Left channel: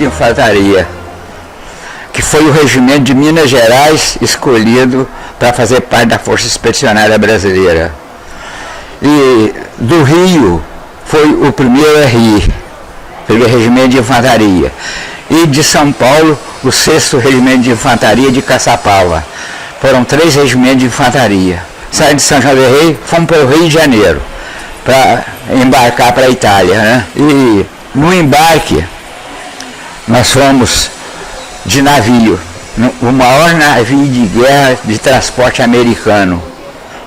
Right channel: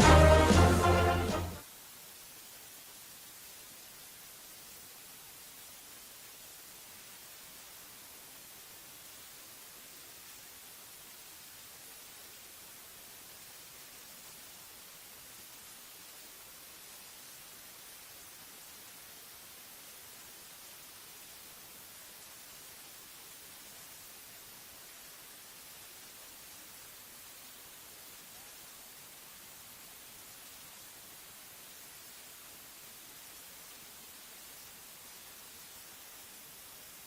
de Infantaria, que foi o regimento de Minas Gerais escolhido para fazer parte da Força Expedicionária Brasileira. E do Rio foi o primeiro RI, primeiro Regimento de Infantaria. E de São Paulo, o 6º Regimento de Infantaria de Caçapava. Foram 3 regimentos de infantaria. Saímos de São João del Rei, fomos para o Rio de Janeiro, para embarcar para a Itália, né? E no embarque, nós fomos de navio, o maior navio de guerra de transporte americano.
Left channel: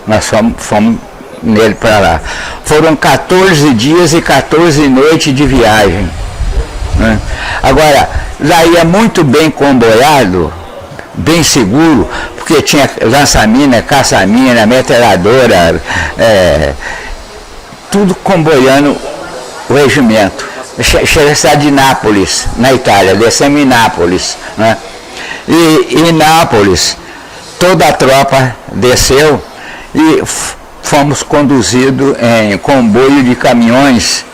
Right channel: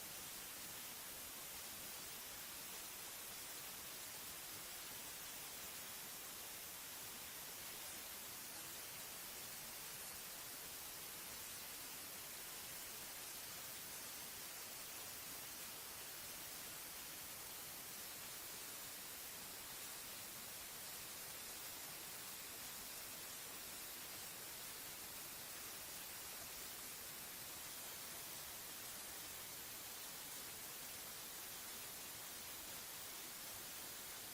Nós fomos nele para lá. Foram 14 dias e 14 noites de viagem, né? Agora, lá ia muito bem comboiado, bem seguro, porque tinha lança-mina, caça-mina, metralhadora, tudo comboiando o regimento. Chega a cidade de Nápoles, na Itália, descemos em Nápoles, né? E em Nápoles, toda a tropa desceu e fomos conduzidos em comboio de caminhões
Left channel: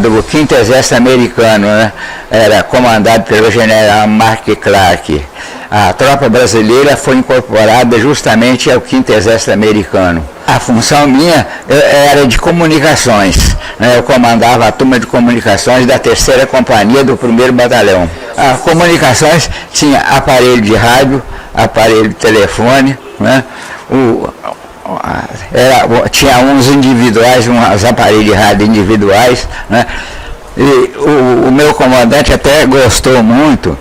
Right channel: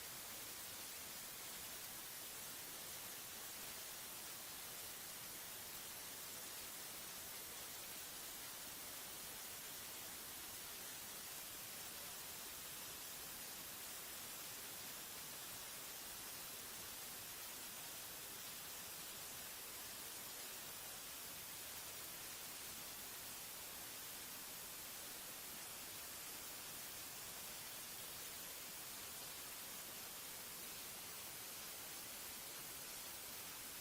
do 5º Exército Americano, né? Era comandado pelo general Mark Clark. A tropa brasileira foi incorporada justamente ao 5º Exército Americano. A função minha era de comunicações, né? Eu comandava a turma de comunicações da 3ª Companhia do 1º Batalhão. As comunicações tinha aparelho de rádio, aparelho de telefone, né? Tinha uns individuais, uns aparelhos de rádio individuais, né? E o meu comandante até gostou muito,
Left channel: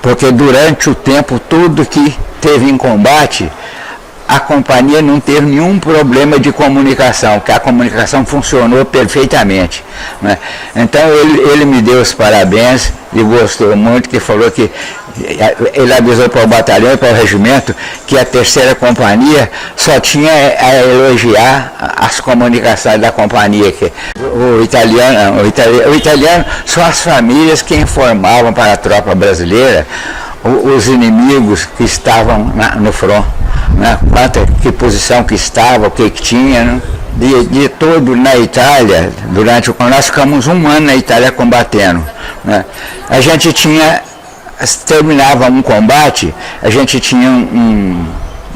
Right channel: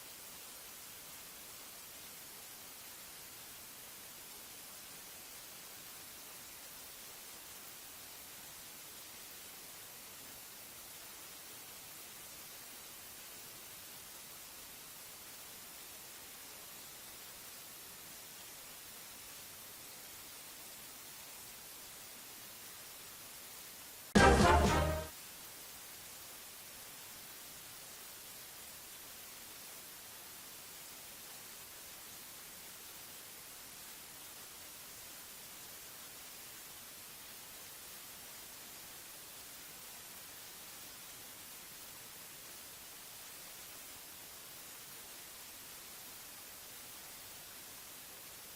porque durante o tempo todo que teve em combate, a companhia não teve nenhum problema de comunicação, que a comunicação funcionou perfeitamente, né? Então ele me deu os parabéns e gostou muito, que falou que ele avisou para o batalhão e para o regimento que a 3ª Companhia só tinha a elogiar as comunicações da companhia. Que o italiano são as famílias que informavam para a tropa brasileira os inimigos que estavam no front, né? Que posição que estava, o que tinha, né? De todo na Itália, nós ficamos 1 ano na Itália combatendo, né? A gente terminava um combate, a gente tinha um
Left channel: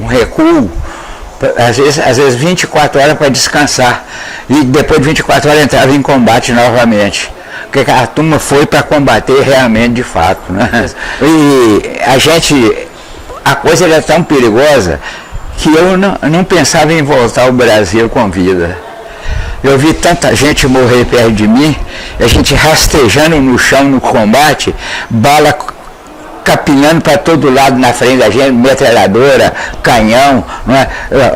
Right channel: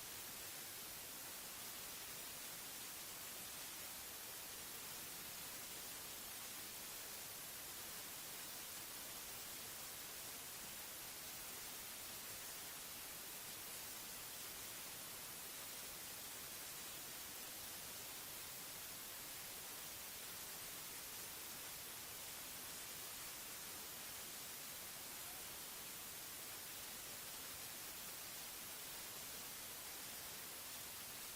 recuo, às vezes 24 horas para descansar, e depois de 24 horas entrava em combate novamente, porque a turma foi para combater realmente de fato, né? E a coisa era tão perigosa que eu não pensava em voltar ao Brasil com vida. Eu vi tanta gente morrer perto de mim, a gente rastejando no chão no combate, bala capinando para todo lado na frente da gente, metralhadora, canhão, né?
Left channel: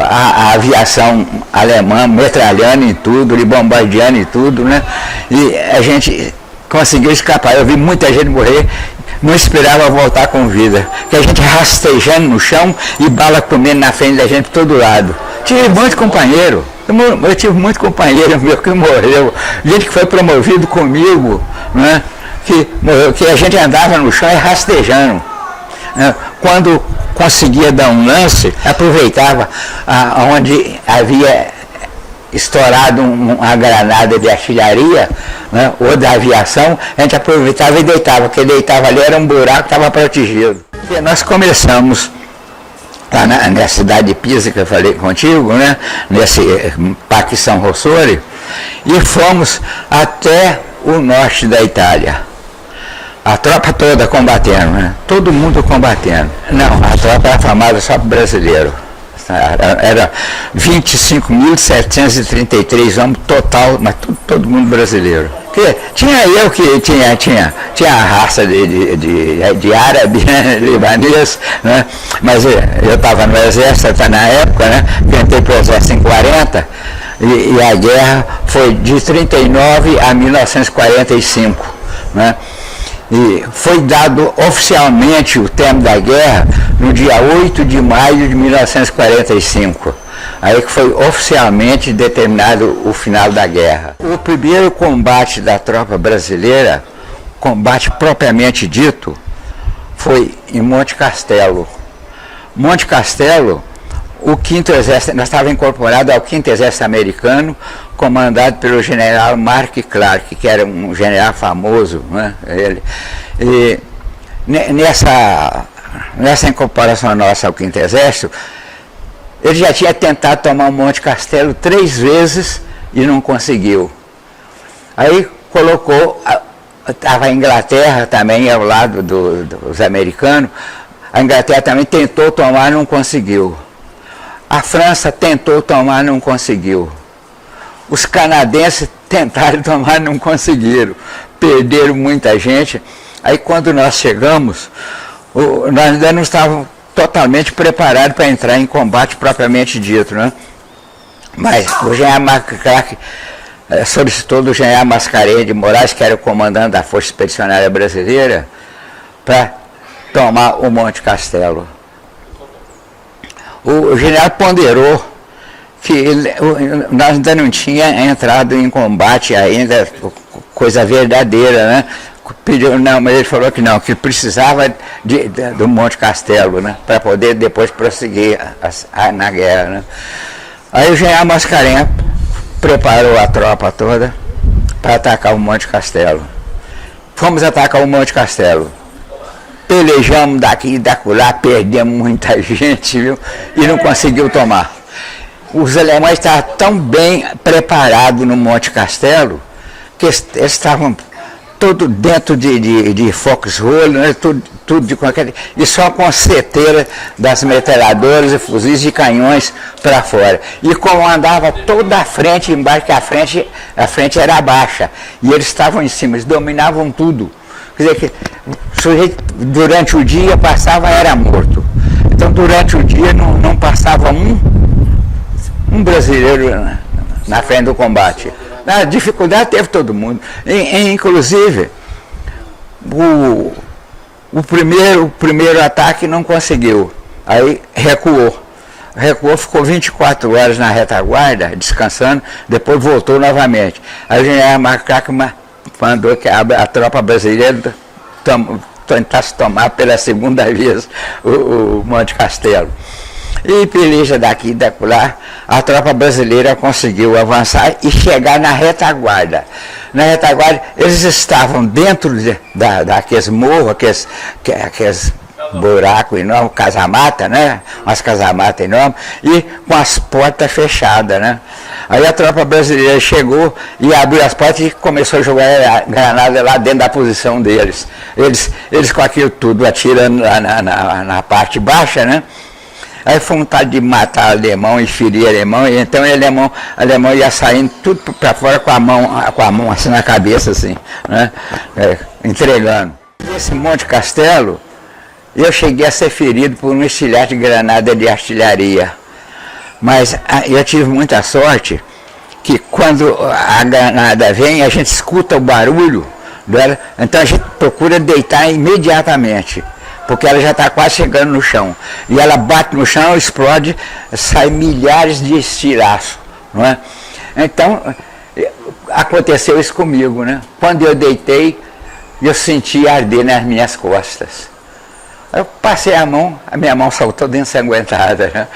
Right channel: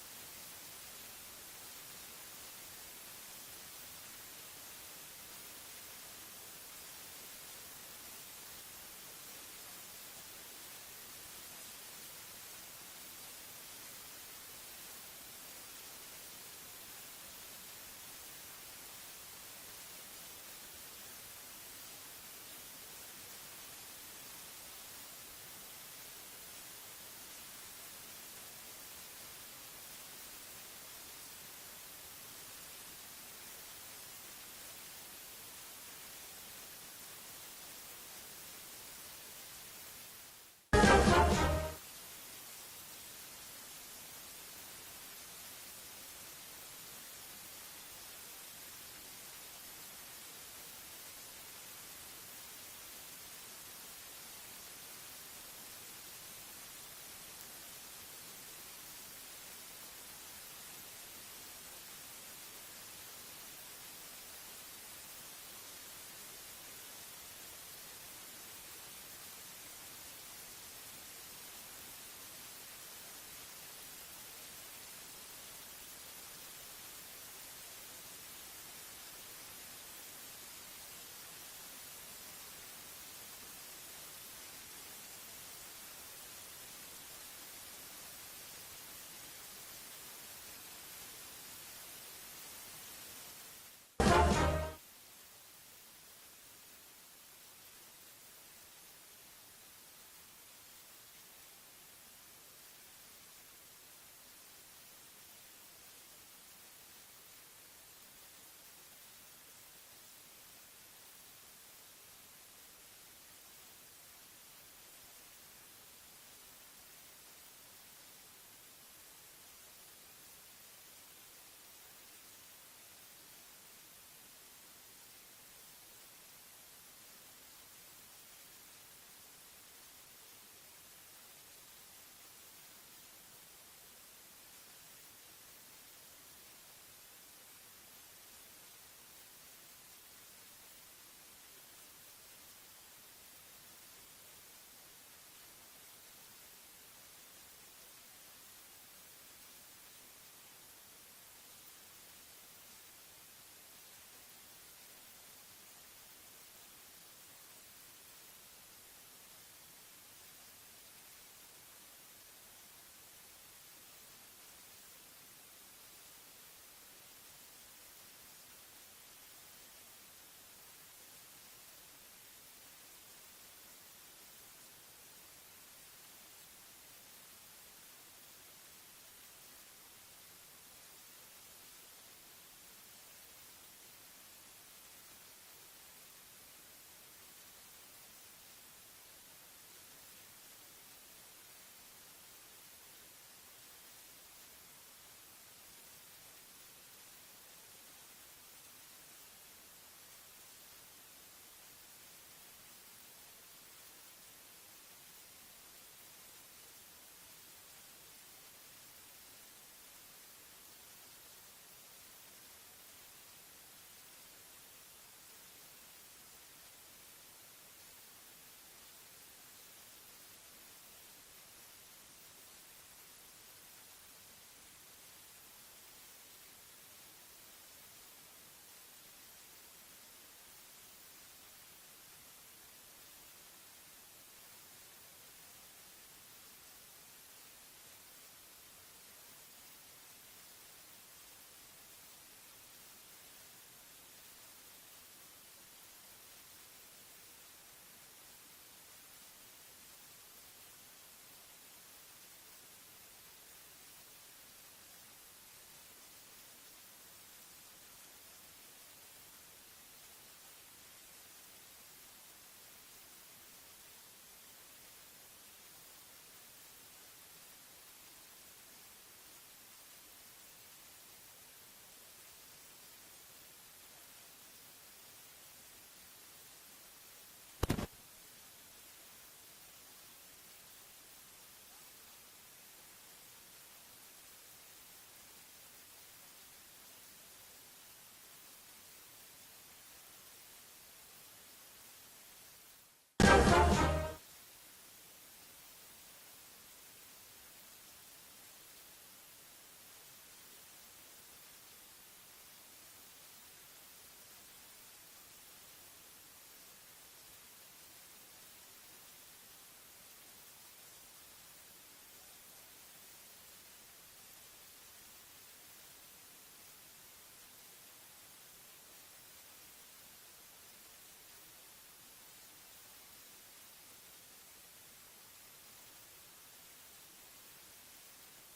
A aviação alemã metralhando em tudo, e bombardeando em tudo, né? E a gente conseguiu escapar. Eu vi muita gente morrer, não esperava voltar com vida, que a gente rastejando no chão e bala comendo na frente da gente para todo lado. Tive muito companheiro, eu tive muito companheiro meu que morreu, gente que foi promovido comigo, né? Que a gente andava no chão e rastejando, né? Quando conseguia dar um lance, aproveitava onde havia estourado uma granada de artilharia, né? Ou da aviação, a gente aproveitava e deitava, porque deitava ali era um buraco que estava protegido. E nós começamos lá na cidade de Pisa, que eu falei contigo, né? Nesse Parque São Rossore, e fomos até o norte da Itália. A tropa toda combatendo, né? Todo mundo combatendo. Não, a tropa era formada só para brasileiro. Era 25.733 homens total, mas todo mundo brasileiro. Porque tinha eu que tinha a raça de árabe, né? Libanês, né? Mas eu estava no exército na época, né? Entrei para o exército em 40, e a guerra foi de 39 a 1945, né? E foi dado oficialmente o termo da guerra no dia 8 de maio de 1945. Aí que foi oficialmente determinado o final da guerra. O primeiro combate da tropa brasileira, combate propriamente dito, foi em Monte Castelo. Monte Castelo, o 5º Exército, nós estávamos incorporados ao 5º Exército Americano, comandado pelo general Mark Clark, que era um general famoso, né? E nessa incorporação nossa ao 5º Exército, ele já tinha tentado tomar o Monte Castelo 3 vezes e não conseguiu. Aí colocou, estava a Inglaterra também ao lado dos americanos, a Inglaterra também tentou tomar, não conseguiu. A França tentou tomar, não conseguiu. Os canadenses tentaram tomar, não conseguiram. Perderam muita gente. Aí quando nós chegamos, nós ainda não estávamos totalmente preparados para entrar em combate propriamente dito, né? Mas o general McCracken solicitou do general Mascarenhas de Moraes, que era o comandante da Força Expedicionária Brasileira, para tomar o Monte Castelo. O general ponderou que nós ainda não tínhamos entrado em combate ainda, coisa verdadeira, né? Pediu, não, mas ele falou que não, que precisava do Monte Castelo, né? Para poder depois prosseguir na guerra, né? Aí o general Mascarenhas preparou a tropa toda para atacar o Monte Castelo. Fomos atacar o Monte Castelo. Pelejamos daqui e dacolá, perdemos muita gente, viu? E não conseguiu tomar. Os alemães estavam tão bem preparados no Monte Castelo que eles estavam tudo dentro de foxhole, né? tudo de qualquer... E só com seteira das metralhadoras e fuzis de canhões para fora. E comandava toda a frente, embaixo, que a frente era baixa. E eles estavam em cima, eles dominavam tudo. Quer dizer que o sujeito, durante o dia, passava, era morto. Então, durante o dia, não passava um brasileiro na frente do combate. A dificuldade teve todo mundo. Inclusive, o primeiro ataque não conseguiu. Aí recuou. Recuou, ficou 24 horas na retaguarda, descansando, depois voltou novamente. Aí o general McCracken mandou que a tropa brasileira tentasse tomar pela segunda vez o Monte Castelo. E peleja daqui e daquela, a tropa brasileira conseguiu avançar e chegar na retaguarda. Na retaguarda, eles estavam dentro daqueles morros, aqueles buracos enormes, casamata, né? Umas casamatas enormes, e com as portas fechadas, né? Aí a tropa brasileira chegou e abriu as portas e começou a jogar granada lá dentro da posição deles. Eles com aquilo tudo atirando lá na parte baixa, né? Aí foi vontade de matar alemão e ferir alemão, e então o alemão ia saindo tudo para fora com a mão assim na cabeça, assim, né? Entregando. Esse Monte Castelo, eu cheguei a ser ferido por um estilhaço de granada de artilharia. Mas eu tive muita sorte que quando a granada vem, a gente escuta o barulho dela, então a gente procura deitar imediatamente, porque ela já está quase chegando no chão. E ela bate no chão, explode, sai milhares de estilhaços, não é? Então, aconteceu isso comigo, né? Quando eu deitei, eu senti arder nas minhas costas. Eu passei a minha mão saiu toda ensanguentada, né?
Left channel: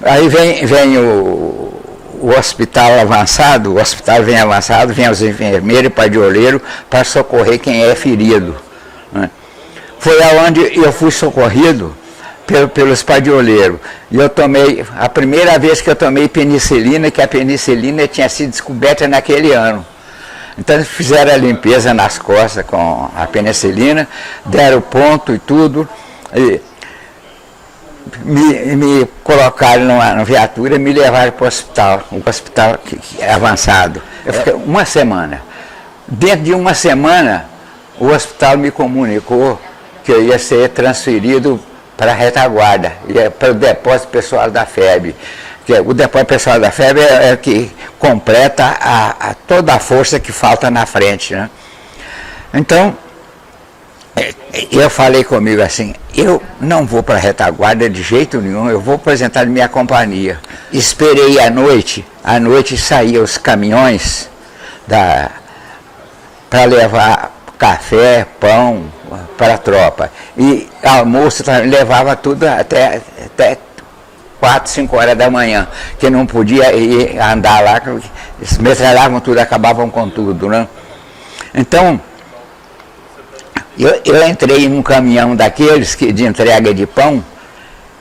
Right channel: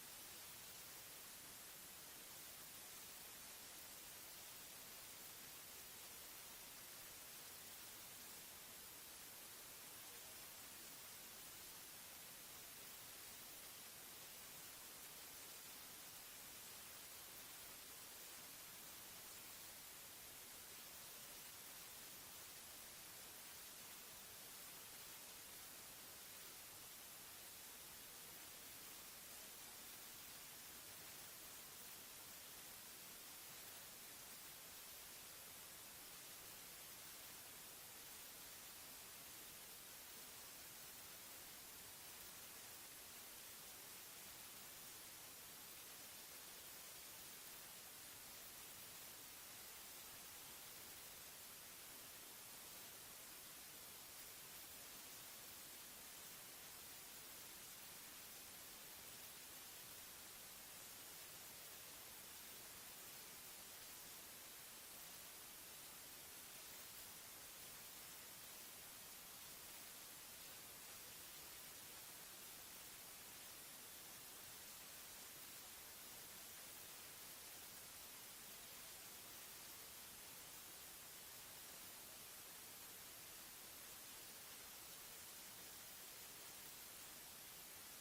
Aí vem o hospital avançado, o hospital vem avançado, vem os enfermeiros e padioleiro para socorrer quem é ferido, né? Foi aonde eu fui socorrido pelos padioleiros. E eu tomei, a primeira vez que eu tomei penicilina, que a penicilina tinha sido descoberta naquele ano. Então eles fizeram a limpeza nas costas com a penicilina, deram ponto e tudo, e me colocaram numa viatura e me levaram para o hospital, um hospital avançado. Eu fiquei uma semana. Dentro de uma semana, o hospital me comunicou que eu ia ser transferido para a retaguarda, para o depósito pessoal da FEB. O depósito pessoal da FEB é o que completa toda a força que falta na frente, né? Então, eu falei comigo assim, eu não vou para a retaguarda de jeito nenhum, eu vou apresentar minha companhia. Esperei à noite saíam os caminhões para levar café, pão para a tropa. E almoço levava tudo até 4, 5 horas da manhã, que não podia ir andar lá, eles metralhavam tudo, acabavam com tudo, né? Então, eu entrei num caminhão daqueles de entrega de pão,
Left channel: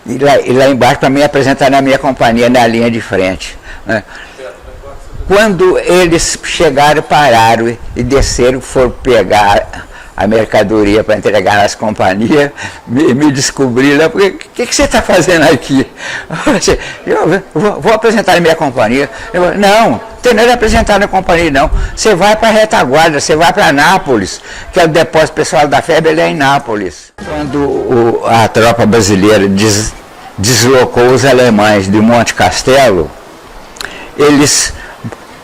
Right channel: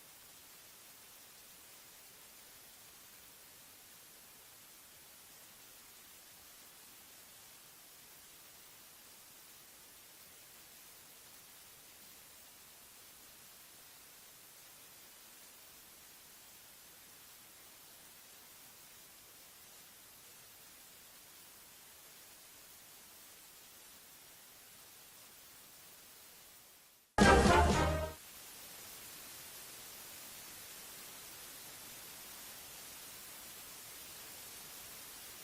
e lá embaixo para me apresentar na minha companhia, na linha de frente, né? Quando eles chegaram, pararam e desceram, foram pegar a mercadoria para entregar nas companhias, me descobriram, o que você está fazendo aqui? Eu vou apresentar a minha companhia. Não tem nada a apresentar na companhia, não. Você vai para a retaguarda, você vai para Nápoles, que é o depósito pessoal da FEB, ele é em Nápoles. Quando a tropa brasileira deslocou os alemães de Monte Castelo, eles,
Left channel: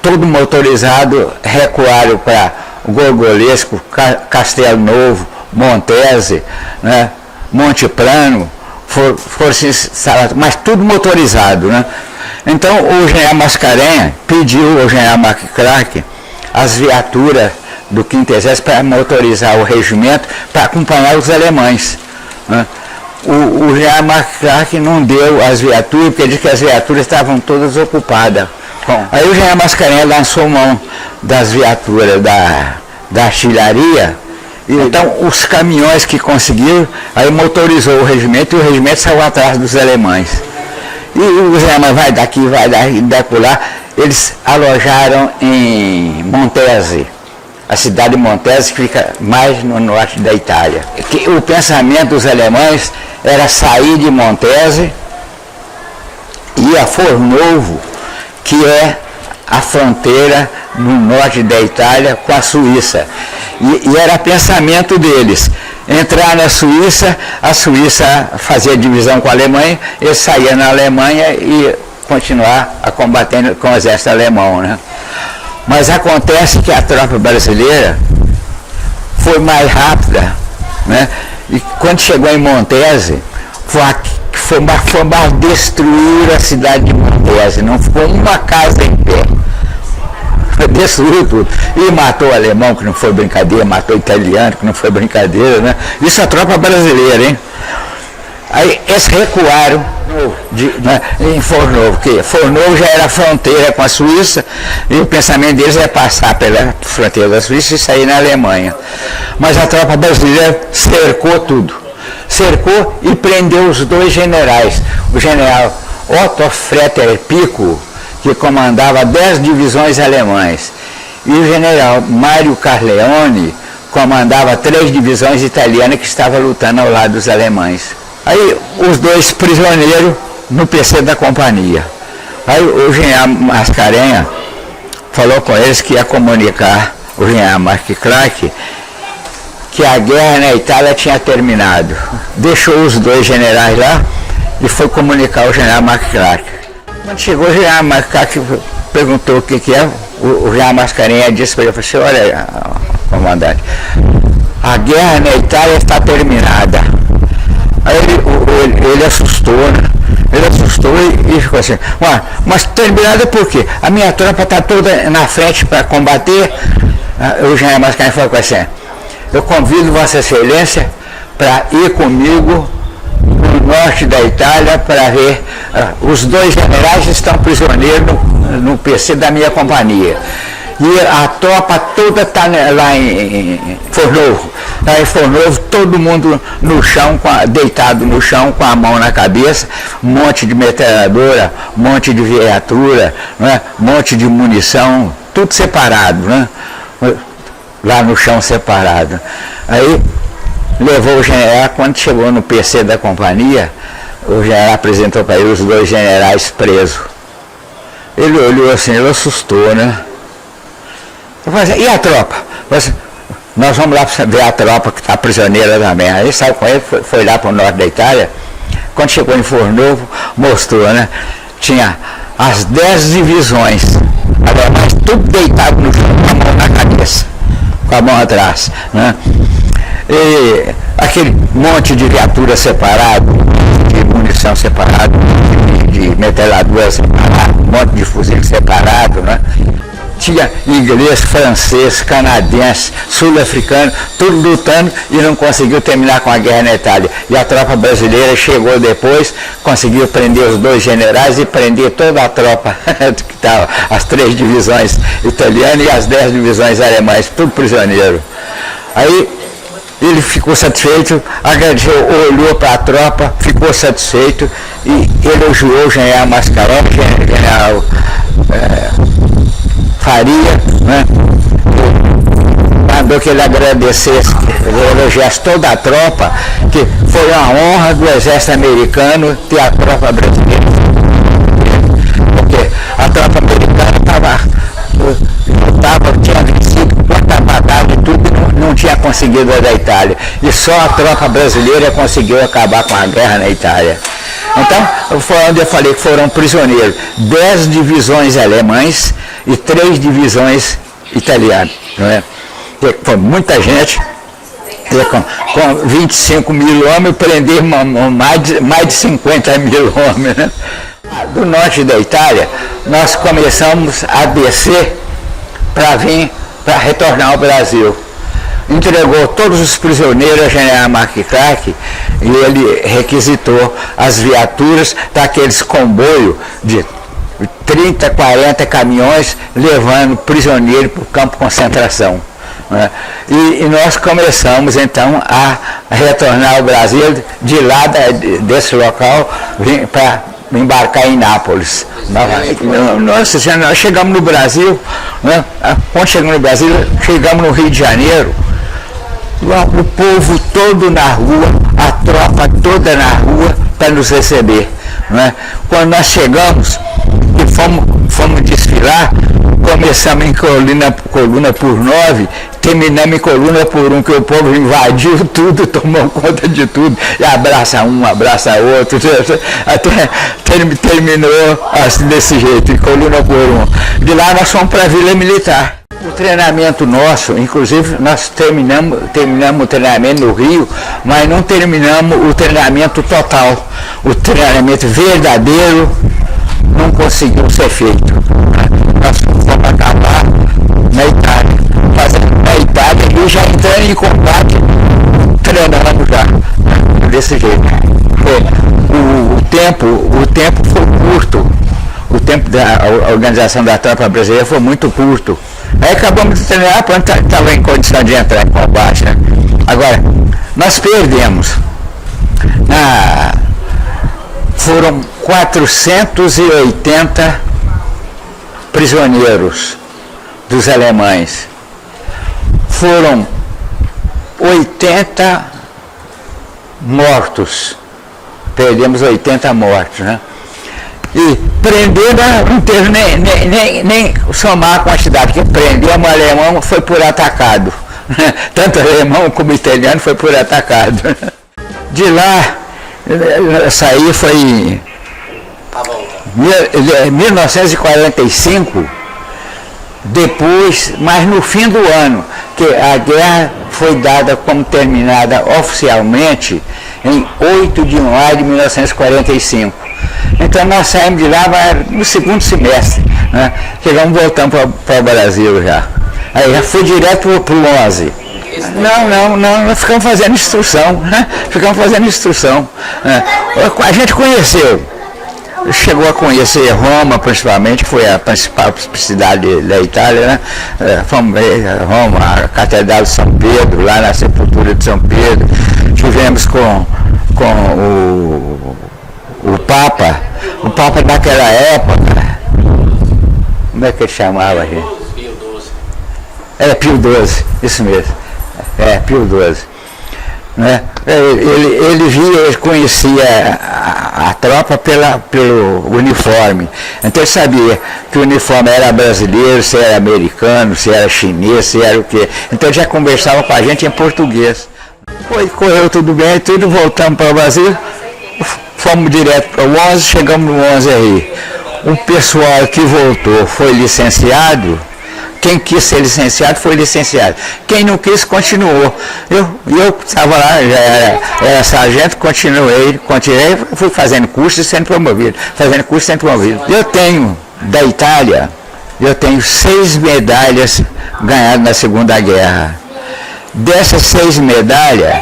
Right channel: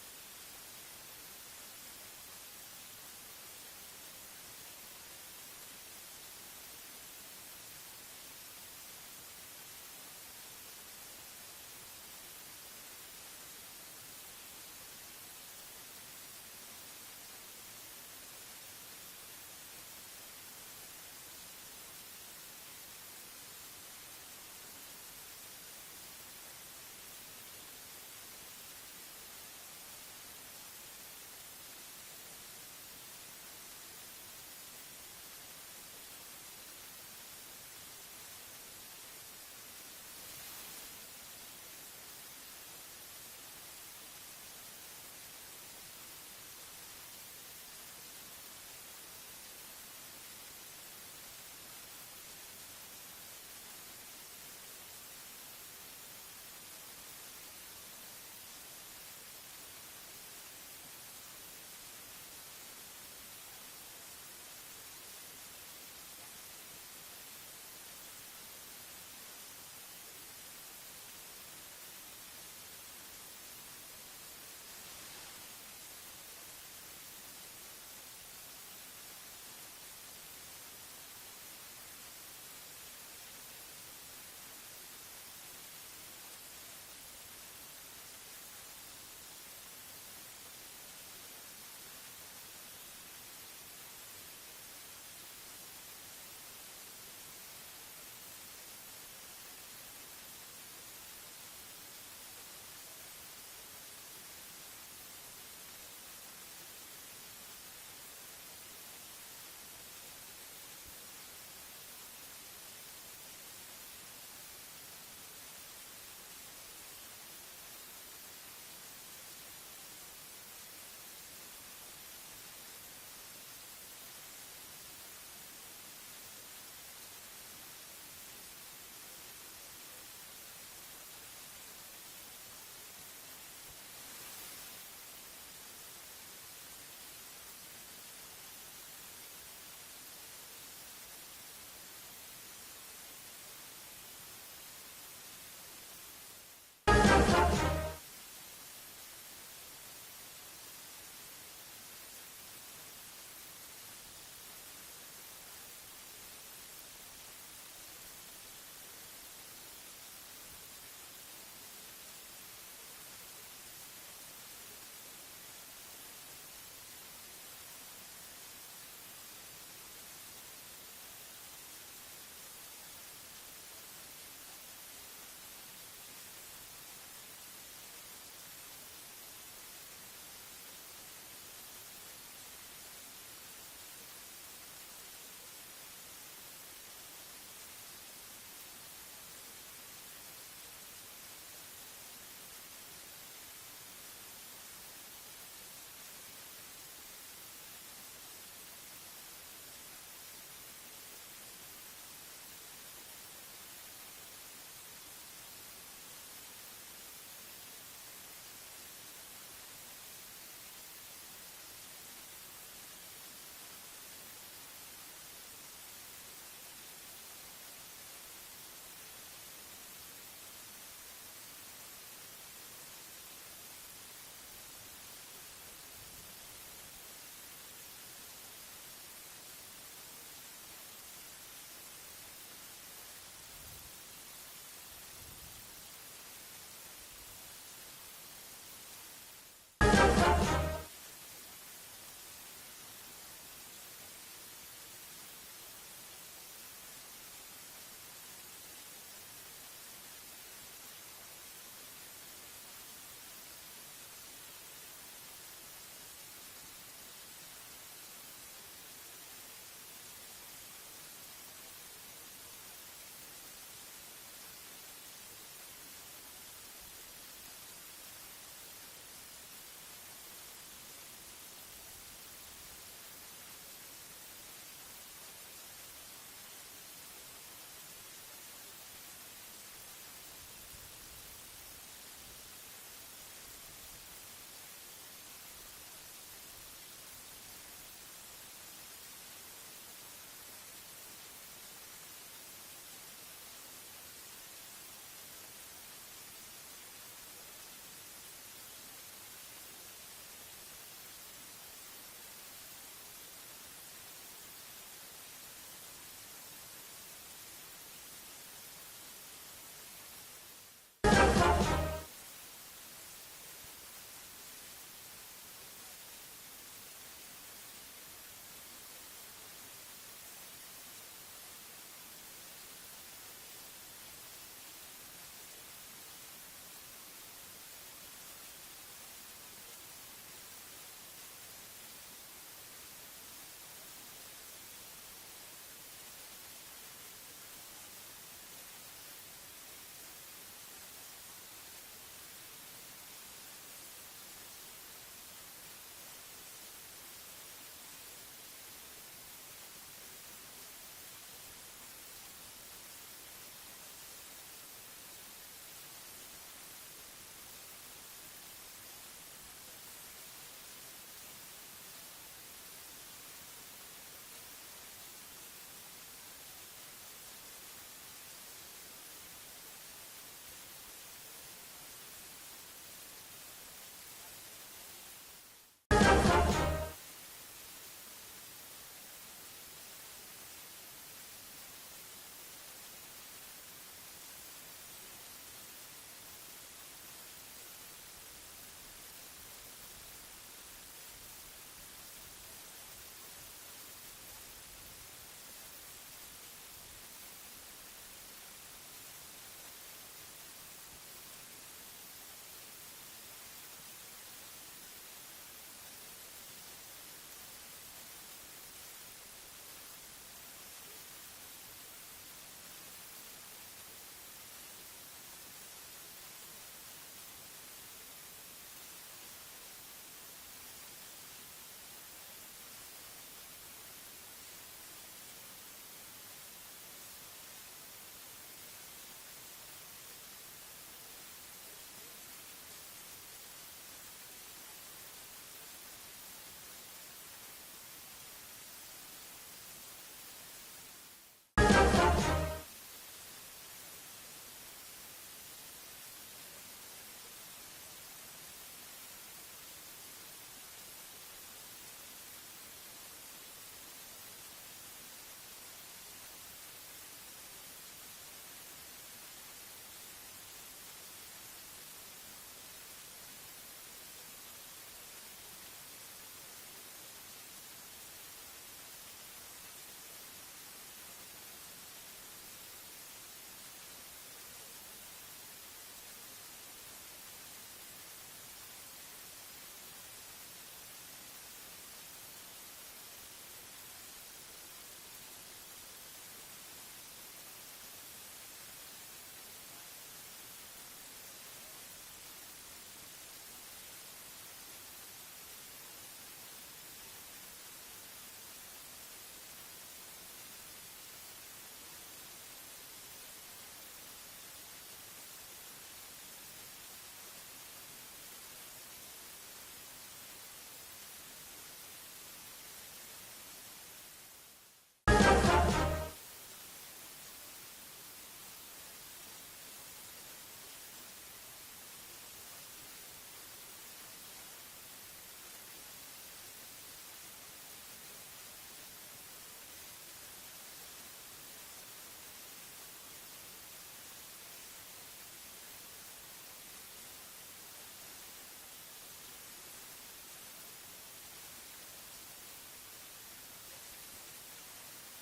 todo motorizado, recuaram para o Gorgolesco, Castelo Novo, Montese, né, Monte Plano, mas tudo motorizado, né? Então o general Mascarenhas pediu ao general McCracken as viaturas do 5º Exército para motorizar o regimento para acompanhar os alemães, né? O general McCracken não deu as viaturas, porque disse que as viaturas estavam todas ocupadas. Bom, aí o general Mascarenhas lançou mão das viaturas da artilharia, e então os caminhões que conseguiram, aí motorizou o regimento, e o regimento saiu atrás dos alemães. E os alemães vai daqui, vai daqui lá, eles alojaram em Montese, a cidade de Montese, que fica mais no norte da Itália. O pensamento dos alemães era sair de Montese e ir a Fornovo, que é a fronteira no norte da Itália com a Suíça. E era pensamento deles. Entrar na Suíça, a Suíça fazia divisão com a Alemanha, eles saíam na Alemanha e continuar a combater com o exército alemão, né? Mas acontece que a tropa brasileira foi mais rápida, né? E quando chegou em Montese, foi para destruir a cidade de Montese, não ficou uma casa em pé. Destruiu tudo. E matou o alemão, que não foi brincadeira, matou o italiano, que não foi brincadeira, né? Isso é a tropa brasileira, hein? Aí eles recuaram em Fornovo, porque Fornovo já era fronteira com a Suíça, e o pensamento deles é passar pela fronteira da Suíça e sair na Alemanha. Mas a tropa brasileira cercou tudo. Cercou e prendeu os dois generais. O general Otto Fretter Pico, que comandava 10 divisões alemães, e o general Mário Carleone comandava 3 divisões italianas que estavam lutando ao lado dos alemães. Aí os dois prisioneiros no PC da companhia. Aí o general Mascarenhas falou com eles que ia comunicar o general McCracken que a guerra na Itália tinha terminado. Deixou os dois generais lá e foi comunicar ao general McCracken. Chegou o general McCracken, perguntou o que é, o general Mascarenhas disse para ele, assim, olha, comandante, a guerra na Itália está terminada. Aí ele assustou, né? Ele assustou e ficou assim, mas terminada por quê? A minha tropa está toda na frente para combater. O general Mascarenhas falou assim, eu convido Vossa Excelência para ir comigo no norte da Itália para ver, os dois generais estão prisioneiros no PC da minha companhia. E a tropa toda está lá em Fornovo. Lá em Fornovo, todo mundo no chão, deitado no chão, com a mão na cabeça, um monte de metralhadora, um monte de viatura, né? Um monte de munição, tudo separado, né? Lá no chão separado. Aí levou o general, quando chegou no PC da companhia, o general apresentou para ele os dois generais presos. Ele olhou assim, ele assustou, né? Eu falei assim, e a tropa? Falei, nós vamos lá ver a tropa que está prisioneira também. Aí saiu com ele, foi lá para o norte da Itália. Quando chegou em Fornovo, mostrou, né? Tinha as 10 divisões, mas tudo deitado no chão, com a mão na cabeça, com a mão atrás, né? E aquele monte de viatura separado, de munição separado, de metralhadora separada, um monte de fuzil separado, né? Tinha inglês, francês, canadense, sul-africano, tudo lutando e não conseguiu terminar com a guerra na Itália. E a tropa brasileira chegou depois, conseguiu prender os 2 generais e prender toda a tropa, que estava, as 3 divisões italianas e as 10 divisões alemãs, tudo prisioneiro. Aí ele ficou satisfeito, agradeceu, olhou para a tropa, ficou satisfeito e elogiou o general Mascaró, general Faria, né? Mandou que ele agradecesse, ele elogiasse toda a tropa, que foi uma honra do exército americano ter a tropa brasileira. Porque a tropa americana tinha vencido quanta batalha e tudo, não tinha conseguido a da Itália. E só a tropa brasileira conseguiu acabar com a guerra na Itália. Então, foi onde eu falei que foram prisioneiros 10 divisões alemães e 3 divisões italianas. Não é? Foi muita gente, com 25 mil homens, prender mais de 50 mil homens. Né? Do norte da Itália, nós começamos a descer para retornar ao Brasil. Entregou todos os prisioneiros ao general McCracken e ele requisitou as viaturas daqueles comboios de 30, 40 caminhões levando prisioneiro para o campo de concentração. Né? E nós começamos então a retornar ao Brasil de lá desse local para embarcar em Nápoles. Nossa, nós chegamos no Brasil, né? Quando chegamos no Brasil, chegamos no Rio de Janeiro, o povo todo na rua, a tropa toda na rua para nos receber. Né? Quando nós chegamos e fomos desfilar, começamos em coluna por 9, terminamos em coluna por 1, que o povo invadiu tudo, tomou conta de tudo, e abraça um, abraça outro, até terminou assim, desse jeito, em coluna por 1. De lá nós fomos para a Vila Militar. O treinamento nosso, inclusive nós terminamos o treinamento no Rio, mas não terminamos o treinamento total. O treinamento verdadeiro não conseguiu ser feito. Nós fomos acabar na Itália, fazendo na Itália e já entrando em combate, treinando já, desse jeito. O tempo foi curto, o tempo da organização da tropa brasileira foi muito curto. Aí acabamos de treinar, quando estava em condição de entrar em combate. Né? Agora, nós perdemos. Foram 480 prisioneiros dos alemães. Foram 80 mortos. Perdemos 80 mortos, né? E prender não teve nem somar a quantidade, porque prendemos o alemão, foi por atacado. Tanto alemão como italiano foi por atacado. De lá, saí foi em 1945, depois, mas no fim do ano, que a guerra foi dada como terminada oficialmente em 8 de maio de 1945. Então nós saímos de lá no segundo semestre, né? Chegamos voltando para o Brasil já. Aí já fui direto para o 11. Não, nós ficamos fazendo instrução, né? Né? A gente conheceu, chegou a conhecer Roma principalmente, que foi a principal cidade da Itália, né? Fomos a Roma, a Catedral de São Pedro, lá na Sepultura de São Pedro. Tivemos com o Papa daquela época, como é que ele chamava, gente? Pio XII. Era Pio XII, isso mesmo. Pio XII. Né? Ele conhecia a tropa pelo uniforme. Então ele sabia que o uniforme era brasileiro, se era americano, se era chinês, se era o quê. Então ele já conversava com a gente em português. Correu tudo bem, tudo, voltamos para o Brasil. Fomos direto para o 11, chegamos no 11 aí. O pessoal que voltou foi licenciado, Quem quis ser licenciado foi licenciado. Quem não quis, continuou. Eu estava lá, já era sargento, continuei, fui fazendo curso e sendo promovido. Fazendo curso e sendo promovido. Eu tenho, da Itália, 6 medalhas ganhadas na Segunda Guerra. Dessas 6 medalhas,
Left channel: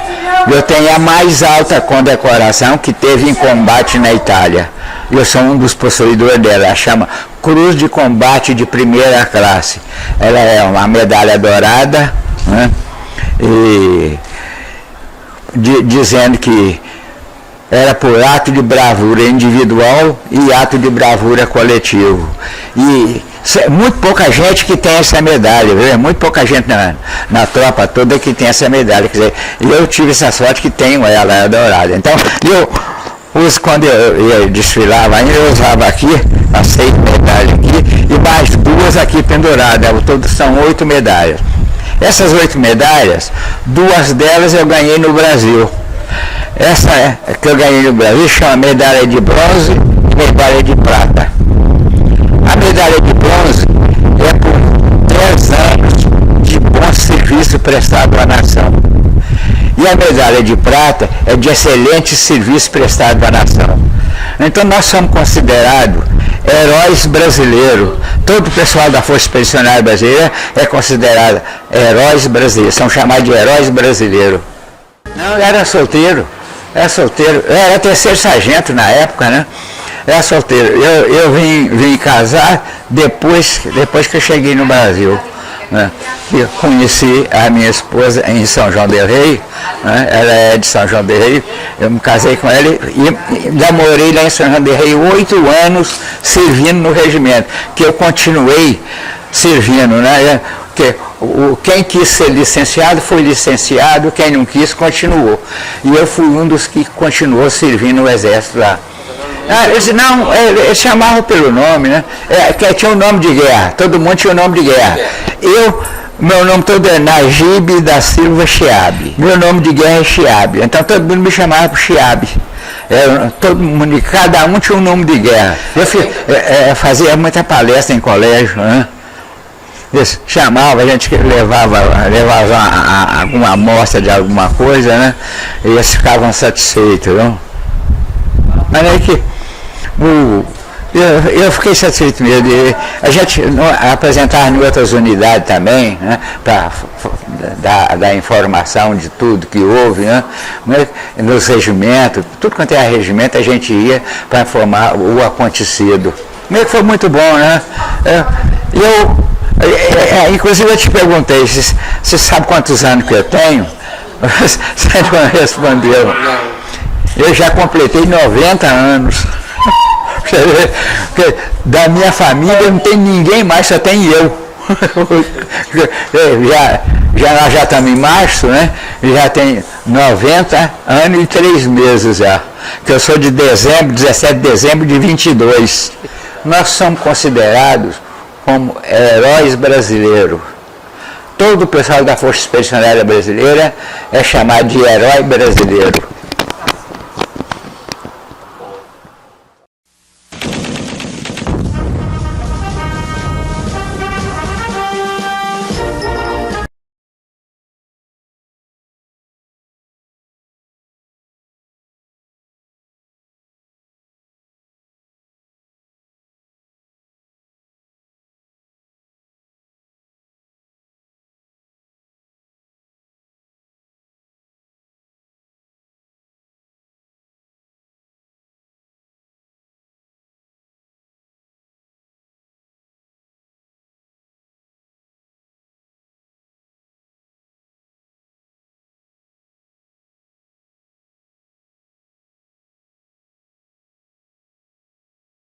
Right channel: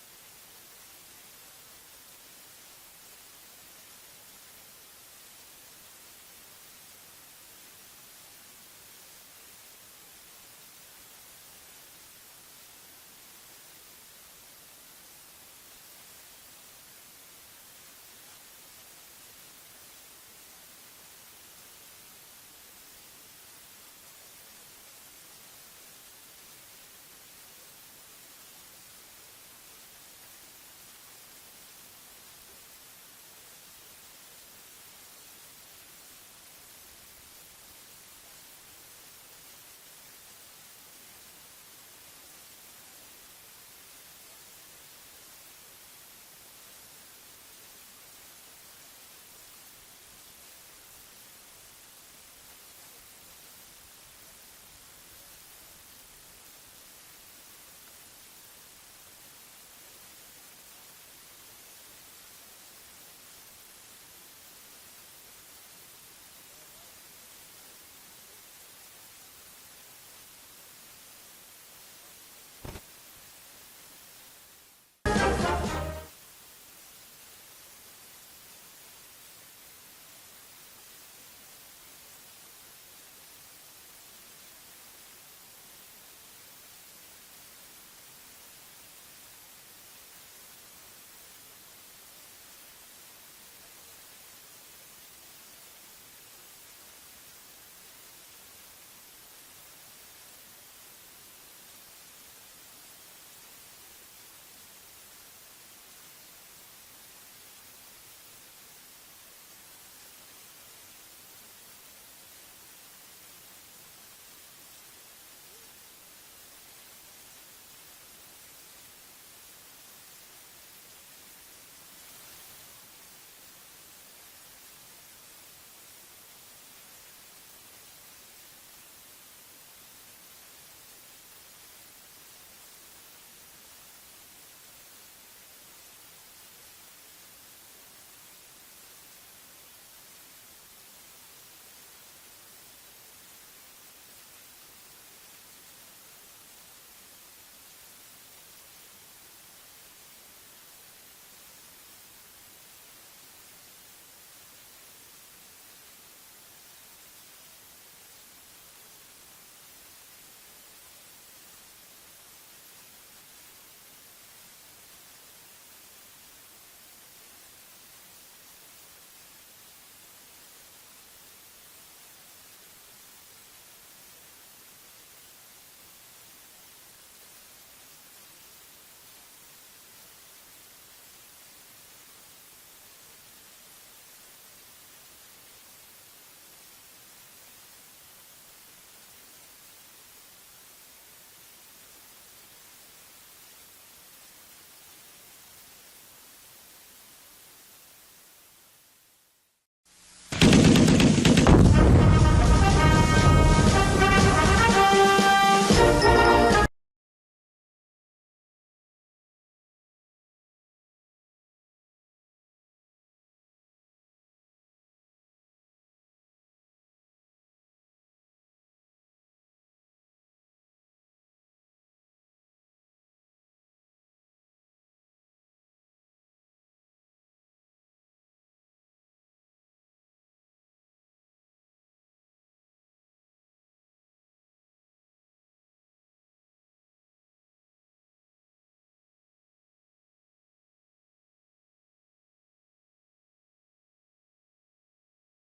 eu tenho a mais alta condecoração que teve em combate na Itália. Eu sou um dos possuidores dela, ela chama Cruz de Combate de Primeira Classe. Ela é uma medalha dourada, né? E dizendo que era por ato de bravura individual e ato de bravura coletivo. E muito pouca gente que tem essa medalha, viu? Muito pouca gente na tropa toda que tem essa medalha. Quer dizer, eu tive essa sorte que tenho ela, é dourada. Então, quando eu ia desfilar lá, eu usava aqui, as 6 medalhas aqui, e mais 2 aqui penduradas. Todos são 8 medalhas. Essas 8 medalhas, 2 delas eu ganhei no Brasil. Essa que eu ganhei no Brasil chama medalha de bronze e medalha de prata. A medalha de bronze é por 10 anos de bom serviço prestado à nação. E a medalha de prata é de excelente serviço prestado à nação. Então nós somos considerados heróis brasileiros. Todo o pessoal da Força Expedicionária Brasileira é considerado heróis brasileiros, são chamados de heróis brasileiros. Não, eu era solteiro. Eu era 3º sargento na época, né? Era solteiro. Eu vim casar depois que eu cheguei no Brasil. Né? Eu conheci a minha esposa em São João del Rei, né? Ela é de São João del Rei, eu me casei com ela e ainda morei lá em São João del Rei 8 anos servindo no regimento, que eu continuei servindo, né? Porque quem quis ser licenciado foi licenciado, quem não quis continuou. E eu fui um dos que continuou servindo no exército lá. Eles chamavam pelo nome, né? Que tinha um nome de guerra, todo mundo tinha um nome de guerra. Meu nome todo é Najib da Silva Chiabe. Meu nome de guerra é Chiabe. Então todo mundo me chamava por Chiabe. Todo mundo, cada um tinha um nome de guerra. Eu fazia muita palestra em colégio, né? Eles chamavam, a gente levava alguma amostra de alguma coisa, né? E eles ficavam satisfeitos, não? Mas é que eu fiquei satisfeito mesmo. A gente apresentava em outras unidades também, né, para dar informação de tudo que houve, né, nos regimentos, tudo quanto é regimento a gente ia para informar o acontecido. Meio que foi muito bom, né? Inclusive eu te perguntei, você sabe quantos anos que eu tenho? Você não respondeu. Eu já completei 90 anos. Porque da minha família não tem ninguém mais, só tem eu. Nós já estamos em março, né? Já tem 90 anos e 3 meses já. Que eu sou de dezembro, 17 de dezembro de 22. Nós somos considerados como heróis brasileiros. Todo o pessoal da Força Expedicionária Brasileira é chamado de herói brasileiro.